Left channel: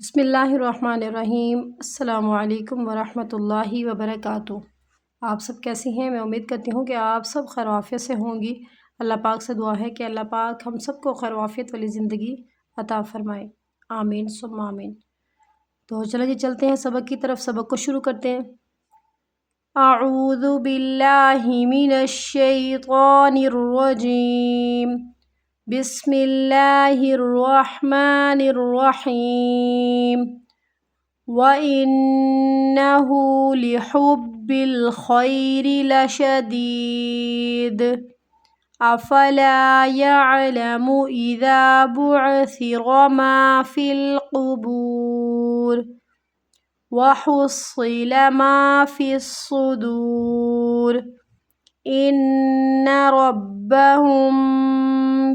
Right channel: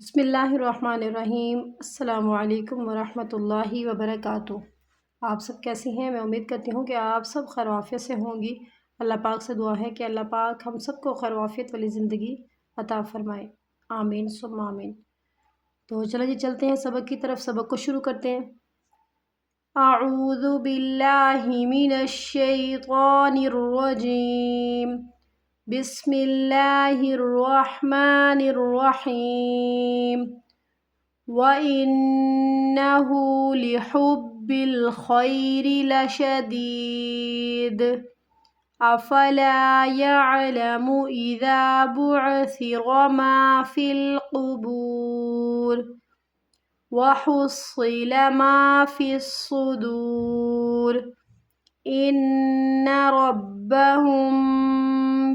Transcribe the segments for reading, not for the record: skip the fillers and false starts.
بسم اللہ الرحمن الرحیم۔ السلام علیکم ورحمۃ اللہ وبرکاتہ۔ آپ سب کیسی ہیں؟ میں امید کرتی ہوں کہ آپ سب خیر و عافیت سے ہوں گی۔ اللہ پاک سے دعا ہے کہ اللہ پاک ہم سب کو خیر و عافیت والی زندگی عطا فرمائے، آمین ثم آمین۔ تو چلیں جی چلتے ہیں سبق کی طرف، سبق کو شروع کرتے ہیں۔ اعوذ باللہ من الشیطان الرجیم، بسم اللہ الرحمن الرحیم۔ وَإِنَّهُ لِحُبِّ الْخَيْرِ لَشَدِيدٌ أَفَلَا يَعْلَمُ إِذَا بُعْثِرَ مَا فِي الْقُبُورِ وَحُصِّلَ مَا فِي الصُّدُورِ إِنَّ رَبَّهُم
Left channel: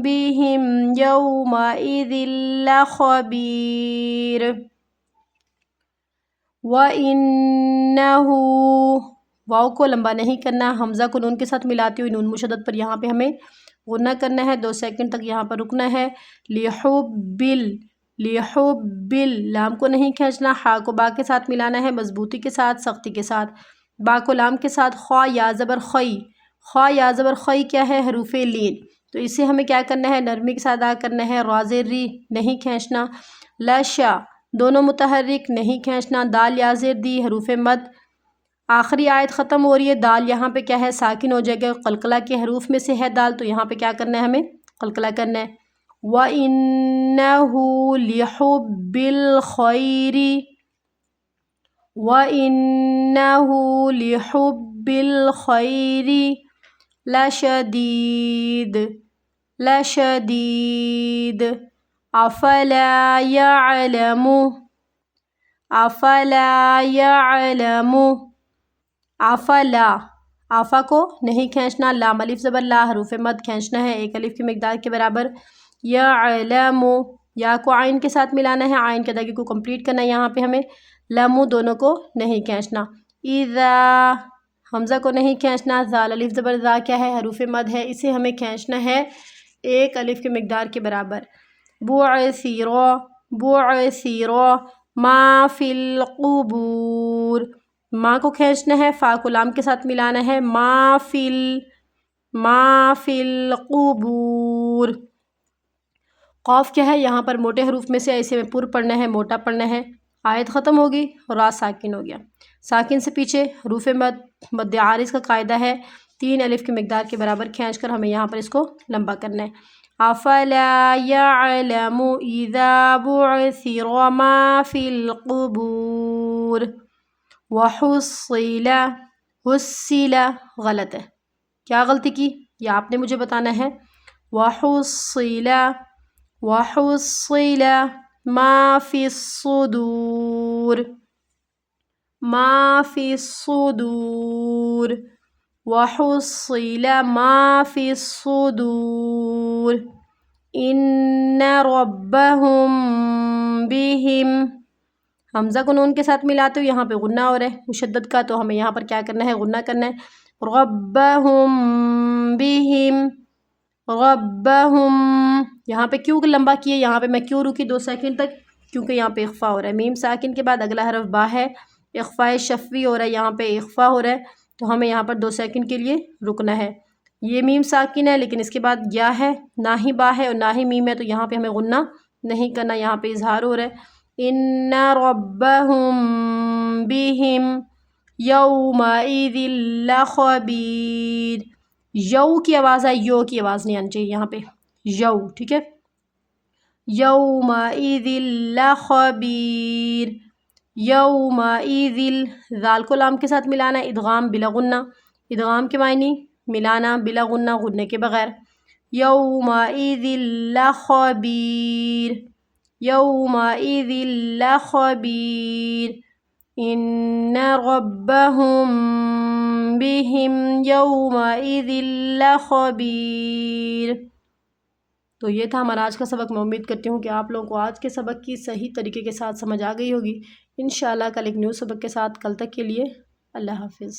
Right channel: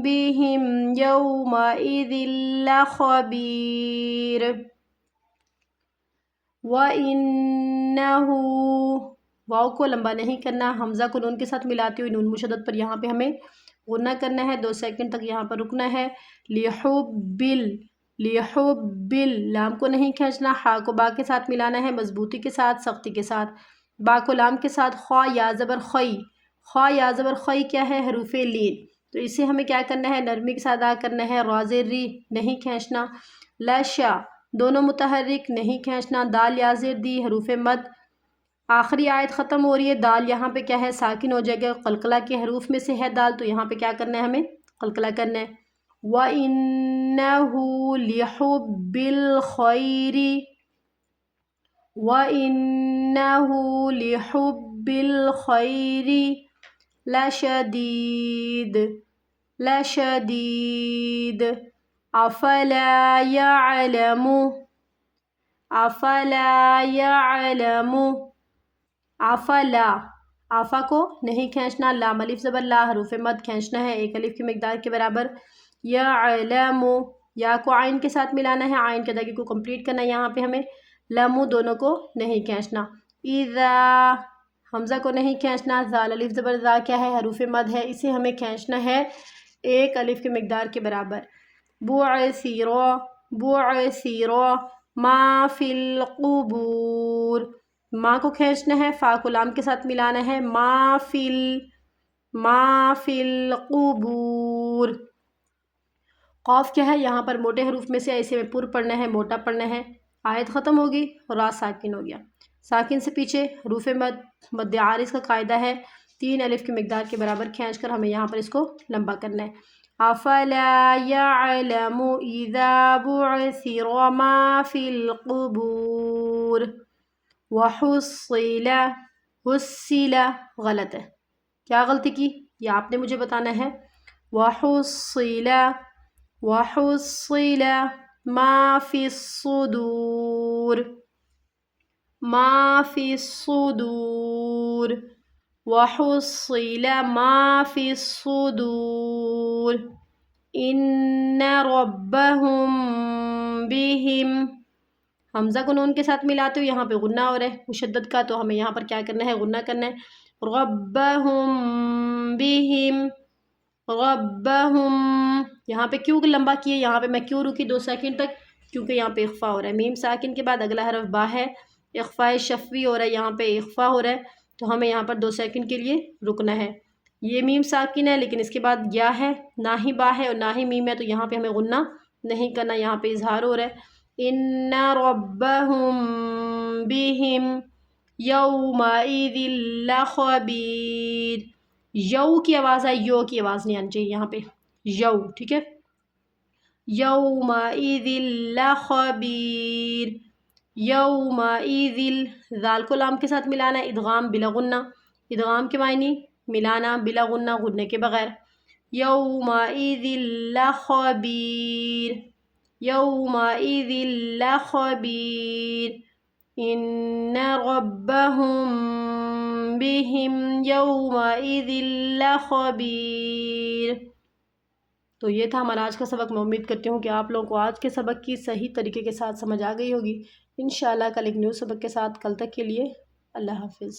بِهِمْ يَوْمَئِذٍ لَخَبِيرٌ۔ وَإِنَّهُ، واو کو لمبا نہیں کرنا، حمزہ کو نون کے ساتھ ملاتے ہوئے نون مشدد پر یہاں پہ ہمیں غنہ کرنا ہے، 2 سیکنڈ تک یہاں پر رکنا ہے۔ لِحُبِّل، لِحُبِّل، لام کو نہیں کھینچنا، ہا کو با کے ساتھ ملانا ہے، مضبوطی کے ساتھ، سختی کے ساتھ، با کو لام کے ساتھ، خوا یا زبر خی، خوا یا زبر خی کیا ہے؟ حروف لین، تو اسے ہمیں کیا کرنا ہے؟ نرمی کے ساتھ ادا کرنا ہے۔ را زیر ری نہیں کھینچنا، لشا دونوں متحرک نہیں کھینچنا، دال یا زیر دی حروف مد۔ آخری آیت ختم ہو رہی ہے، دال یہاں پہ کیا ہے؟ ساکن ہو جائے گا، قلقلہ کے حروف میں سے ہے دال، تو یہاں پہ کیا کرنا ہے؟ ہمیں قلقلہ کرنا ہے۔ وَإِنَّهُ لِحُبِّ الْخَيْرِ، وَإِنَّهُ لِحُبِّ الْخَيْرِ لَشَدِيدٌ، لَشَدِيدٌ أَفَلَا يَعْلَمُ، أَفَلَا يَعْلَمُ، أَفَلا، آفا کو نہیں کھینچنا، لام الف زبر لا حروف مد کھینچنا ہے 1 الف کی مقدار کے برابر۔ یعلم، یا کو عین کے ساتھ ملانا ہے، عین کے ادائیگی کو کمپلیٹ کرنا ہے، یہاں پہ ہمیں لمو دونوں کو نہیں کھینچنا۔ اذا، حمزہ کو نہیں کھینچنا، زال الف زبر زا کیا ہے؟ حروف مد ہے، اسے ہمیں کھینچنا ہے 1 الف کی مقدار کے برابر۔ بعثر، بعثر ما فی القبور، ما کو کھینچنا ہے، فا کو لام کے ساتھ ملانا ہے، ما فی القبور۔ قاف کیا ہے؟ یہاں پر موٹے حروف میں سے ایسے میں پر پڑھنا ہے، موٹا پڑھنا ہے۔ آیت ختم ہوگی، را ساکن ہو گیا، ساکن سے پیچھے حروف مد، مد عارض کا قاعدہ ہے 3 الف کی مقدار کے برابر کھینچ کر ہمیں یہاں پر اس کو لمبا کرنا ہے۔ أَفَلَا يَعْلَمُ إِذَا بُعْثِرَ مَا فِي الْقُبُورِ وَحُصِّلَ، حُصِّلَ غلط ہے، کیا غلطی کی؟ یہ آپ نے مجھے بتانا ہے۔ وَحُصِّلَ، وَحُصِّلَ مَا فِي الصُّدُورِ، مَا فِي الصُّدُورِ وَحُصِّلَ مَا فِي الصُّدُورِ إِنَّ رَبَّهُم بِهِمْ، حمزہ کو نون کے ساتھ ملاتے ہوئے یہاں پہ غنہ ہو رہا ہے مشدد کا، تو ہمیں یہاں پر کیا کرنا ہے؟ غنہ کرنا ہے۔ رَبَّهُم بِهِمْ، رَبَّهُم، یہاں پہ کیوں لمبا کیے؟ یہاں پہ میں کیوں رکی 2 سیکنڈ تک؟ کیونکہ یہاں پہ اخفا ہو رہا ہے، میم ساکن کے بعد اگلا حرف با ہے، اخفاء شفوی ہو رہا ہے، یہاں پہ اخفا ہو رہا ہے، تو ہمیں یہاں پر 2 سیکنڈ کے لیے رکنا ہے۔ یہ میم ساکن ہے لیکن اس کے بعد یا ہے، نہ ہی با ہے اور نہ ہی میم ہے، تو یہاں پہ ہمیں غنہ نہیں کرنا، یہاں پہ اظہار ہو رہا ہے۔ إِنَّ رَبَّهُم بِهِمْ يَوْمَئِذٍ لَخَبِيرٌ، یو کی آواز ہے، یو کی آواز نہیں آنی چاہیے یہاں پہ، یو، ٹھیک ہے۔ يَوْمَئِذٍ لَخَبِيرٌ، يَوْمَئِذٍ، ذال کو لام کے ساتھ ملانا، ادغام بلا غنہ، ادغام کے معنی ملانا بلا غنہ، غننے کے بغیر۔ يَوْمَئِذٍ لَخَبِيرٌ، يَوْمَئِذٍ لَخَبِيرٌ إِنَّ رَبَّهُم بِهِمْ يَوْمَئِذٍ لَخَبِيرٌ۔ تو یہ تھا ہمارا آج کا سبق، میں امید کرتی ہوں کہ آپ لوگوں کو آج کے سبق کی صحیح طریقے کے ساتھ سمجھ آ گئی ہوگی۔ انشاءاللہ کل ایک نیو سبق کے ساتھ، کل تک کے لیے اللہ حافظ۔